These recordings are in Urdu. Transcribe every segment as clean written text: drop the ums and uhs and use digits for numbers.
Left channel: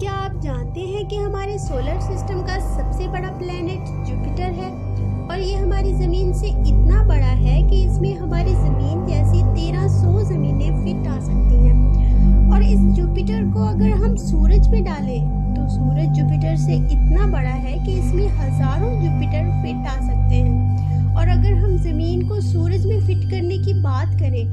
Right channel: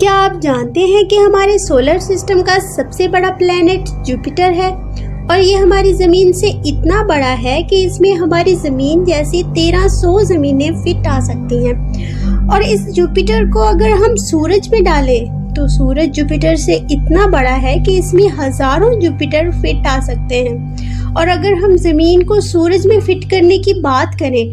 کیا آپ جانتے ہیں کہ ہمارے سولر سسٹم کا سب سے بڑا پلینٹ جوپیٹر ہے اور یہ ہماری زمین سے اتنا بڑا ہے کہ اس میں ہماری زمین جیسی 1300 زمینیں فٹ آ سکتی ہیں۔ اور اس جوپیٹر کو اگر ہم سورج میں ڈالیں تو سورج جوپیٹر سے اتنا بڑا ہے کہ اس میں ہزاروں جوپیٹر فٹ آ سکتے ہیں۔ اور اگر ہم زمین کو سورج میں فٹ کرنے کی بات کریں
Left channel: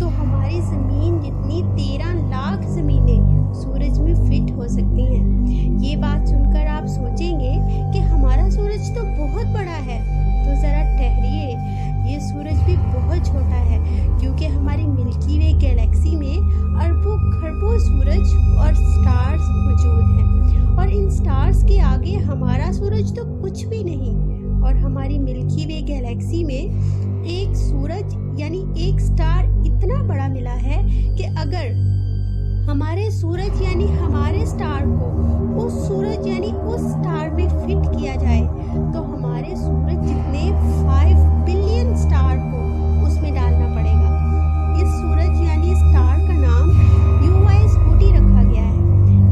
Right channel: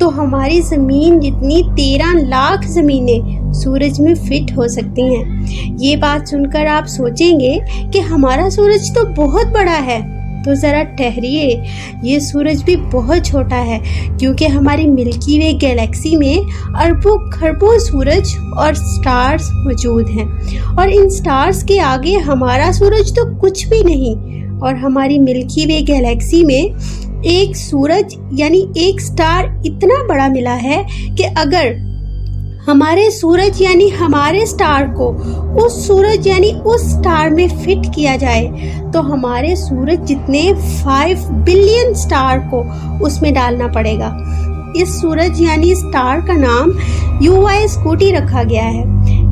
تو ہماری زمین جتنی 13 لاکھ زمینیں سورج میں فٹ ہو سکتی ہیں۔ یہ بات سن کر آپ سوچیں گے کہ ہمارا سورج تو بہت بڑا ہے، تو ذرا ٹھہریے، یہ سورج بھی بہت چھوٹا ہے، کیونکہ ہماری ملکی وے گیلیکسی میں اربوں خربوں سورج اور سٹارز موجود ہیں، اور ان سٹارز کے آگے ہمارا سورج تو کچھ بھی نہیں۔ اور ہماری ملکی وے گیلیکسی میں ایک سورج یعنی ایک سٹار اتنا بڑا ملا ہے کہ اگر ہمارے سورج یعنی ہمارے سٹار کو اس سورج یعنی اس سٹار میں فٹ کیا جائے تو ہمارے سورج جتنے 5 بلین سٹار کو اس میں ڈالنا پڑے گا۔ اس سورج یعنی سٹار کا نام UY اسکوٹی رکھا گیا ہے۔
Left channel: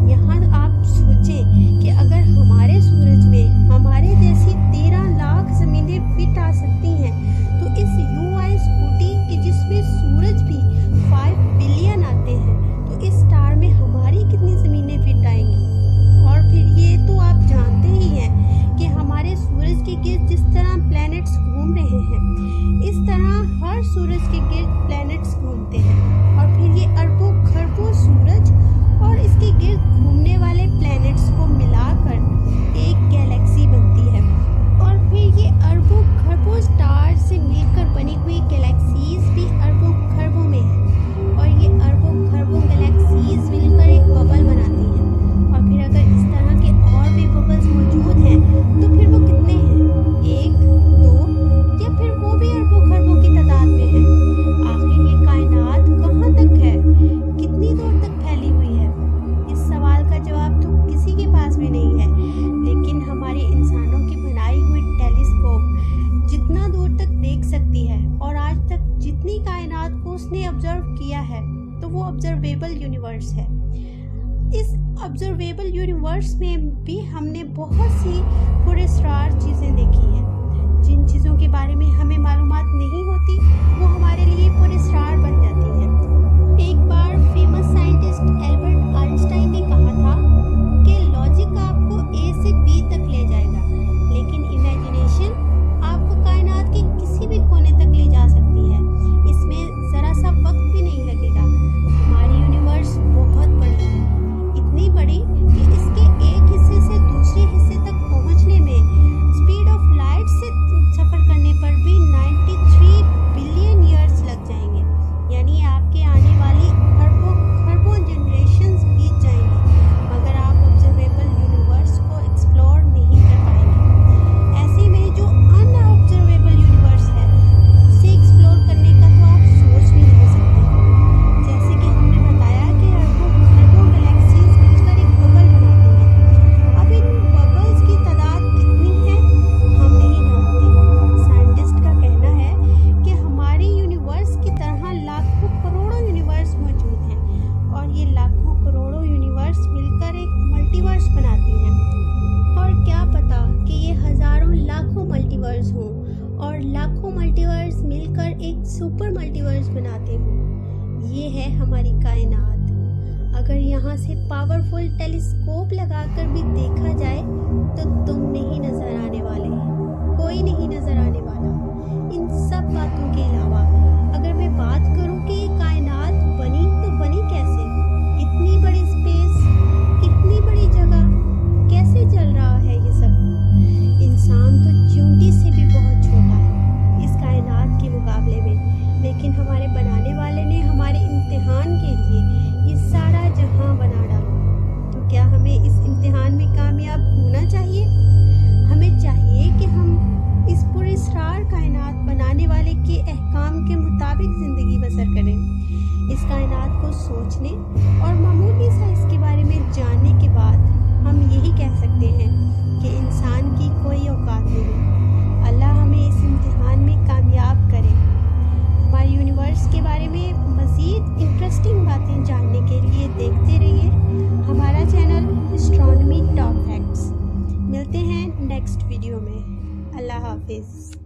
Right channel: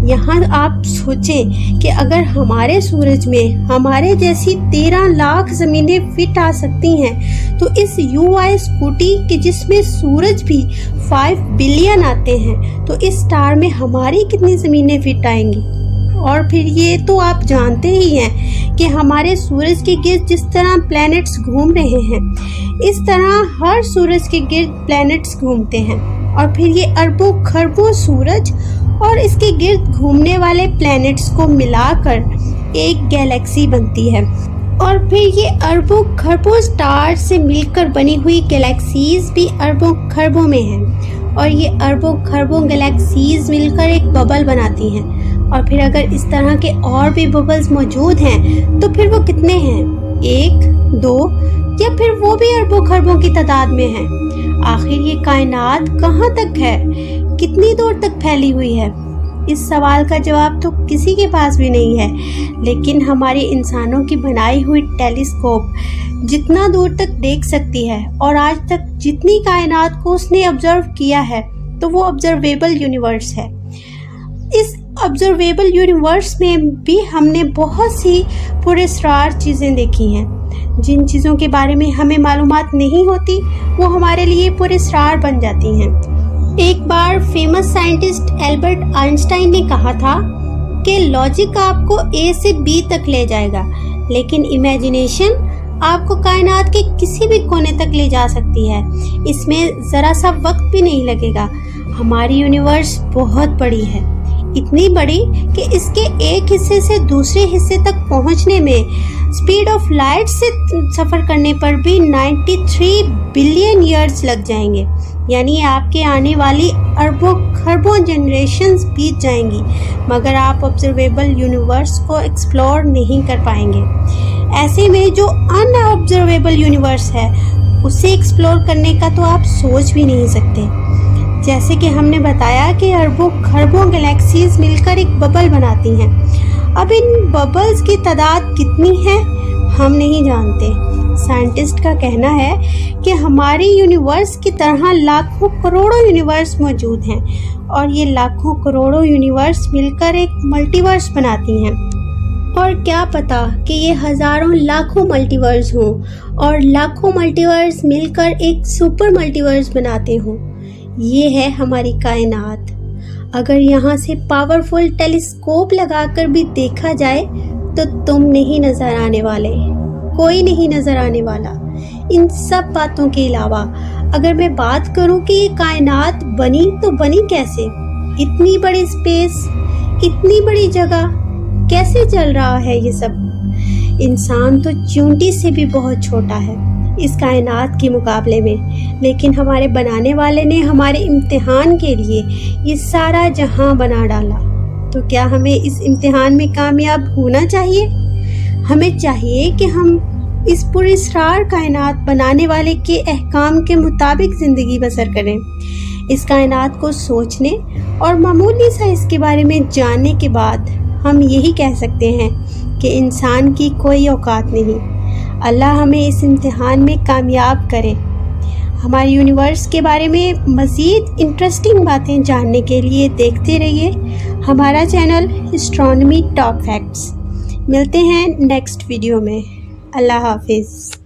یہاں آپ سوچیں کہ اگر ہمارے سورج میں ہمارے جیسی 13 لاکھ زمینیں فٹ آ سکتی ہیں تو اس UY اسکوٹی کے جس میں سورج بھی 5 بلین آتے ہیں تو اس سٹار میں ہماری کتنی زمینیں فٹ آئیں گی؟ اور پھر یہ تو آپ جانتے ہی ہیں کہ ہمارے سورج کے گرد جس طرح پلینٹس گھوم رہے ہیں اس طرح ہر سورج کے گرد پلینٹس گھومتے ہیں، اور پھر یہ اربوں خربوں سورج اور اس کے گرد گھومنے والے پلینٹس کو ملا کر ایک گیلیکسی بنتی ہے، اور پھر یہ اربوں خربوں سٹار سے مل کر بنی ہوئی گیلیکسیز بھی اربوں خربوں میں ہیں، اور یہ اربوں خربوں گیلیکسیز مل کر ایک ببل بناتی ہیں۔ اور پھر اگر اس طرح کے اور بھی ببلز موجود ہیں تو پھر وہ کتنے ہیں؟ 1، 2 یا پھر وہ بھی اربوں خربوں کی تعداد میں ہیں؟ آخر یہ کائنات کہاں تک ہے؟ کتنی دور تک پھیلی ہوئی ہے؟ اس سوال کا جواب تو کسی کے پاس بھی نہیں ہے، لیکن ہماری انسانوں کی بنائی ہوئی ٹیلیسکوپ جتنا دور تک دیکھ سکتی ہے، اور آج تک جتنی کائنات کو اس نے آبزرو کیا ہے تو وہ آبزرویبل یونیورس ہے۔ اس آبزرویبل یونیورس میں بھی ہم نے بہت سی پراسرار چیزیں دیکھی ہیں۔ جن چیزوں کے بارے میں ہمیں معلومات نہیں ہوتی وہ ہمارے لیے پراسرار بن جاتی ہیں۔ ایک بار فیمس سائنٹسٹ البرٹ آئنسٹائن نے کہا تھا کہ لاجک آپ کو A سے B تک لے جائے گا، لیکن امیجنیشن آپ کو کائنات کے کسی بھی کونے تک لے جا سکتی ہے۔ اس میں ذرا سا وقت بھی نہیں لگے گا۔ ہماری یونیورس بہت بڑی ہے، اتنی بڑی کہ اس کے ایک حصے سے دوسرے حصے تک پہنچنے میں اسپیڈ آف لائٹ سے سفر کرنے پر بھی 93 بلین ایئرز لگ جائیں گے، یعنی آپ کے آنے والی اربوں خربوں جنریشنز بیت جائیں گی، مگر آپ آبزرویبل یونیورس کو ایکسپلور نہیں کر پائیں گے۔ ایسے میں جو ان آبزرویبل یونیورس ہے اسے ایکسپلور کرنے کا تو آپ سوچ بھی نہیں سکتے۔ جیسے کہ ہم نے بتایا کہ اربوں خربوں گیلیکسیز مل کر ایک ببل بناتی ہیں۔ اب ان ببلز کی تعداد کتنی ہے ہم نہیں جانتے۔ سائنٹسٹ کا کہنا ہے کہ ہماری یونیورس کی طرح لاکھوں کروڑوں یونیورس موجود ہیں، اور یہ لاکھوں کروڑوں یونیورس مل کر ایک ملٹی ورس بناتی ہیں۔ اور کیا پتا کہ یہ ہزاروں لاکھوں ملٹی ورس ہوں، اور لاکھوں ملٹی ورس مل کر ایک سپر ملٹی ورس بناتے ہوں۔ یہ ہے ہماری کائنات۔ اگر یہاں سے پاورفل ٹیلیسکوپ لگا کر بھی دیکھا جائے تو تم نہیں نظر آنے والے، کوئی نہیں نظر آنے والا۔ ان سب باتوں کے علاوہ اگر میں بات کروں کہ یہ کائنات بنی تو بنی کیسے؟ اتنی بڑی اسپیس، اتنی بڑی جگہ، کیسے چل رہا ہے یہ سب؟ انسان تو چیونٹی سے بھی بہت چھوٹا ہے اس کائنات کے مقابلے میں، لیکن ہمارے بنانے والے نے ہمارے امتحان کے لیے یہ سارا جہاں بنا ڈالا۔ تو کیا ہمیں اس امتحان میں کامیاب ہونا چاہیے؟ ہمیں چاہیے کہ ہم اس پراسرار کائنات بنانے والے کے احکام کے مطابق زندگی بسر کریں۔ اس کائنات کو سوچنے اور معمولی سا اس کے بارے میں جاننے کے بعد ہم یہی کہہ سکتے ہیں کہ انسان کی کوئی اوقات نہیں۔ اللہ ہمیں اس امتحان میں کامیاب کرے۔ ہماری یونیورس کے بارے میں مزید انٹرسٹنگ باتیں جاننے کے لیے دیکھتے رہیے ہمارا چینل اسٹرانومی ٹاپ فیکٹس۔ ملتے ہیں نیکسٹ ویڈیو میں۔ اللہ حافظ۔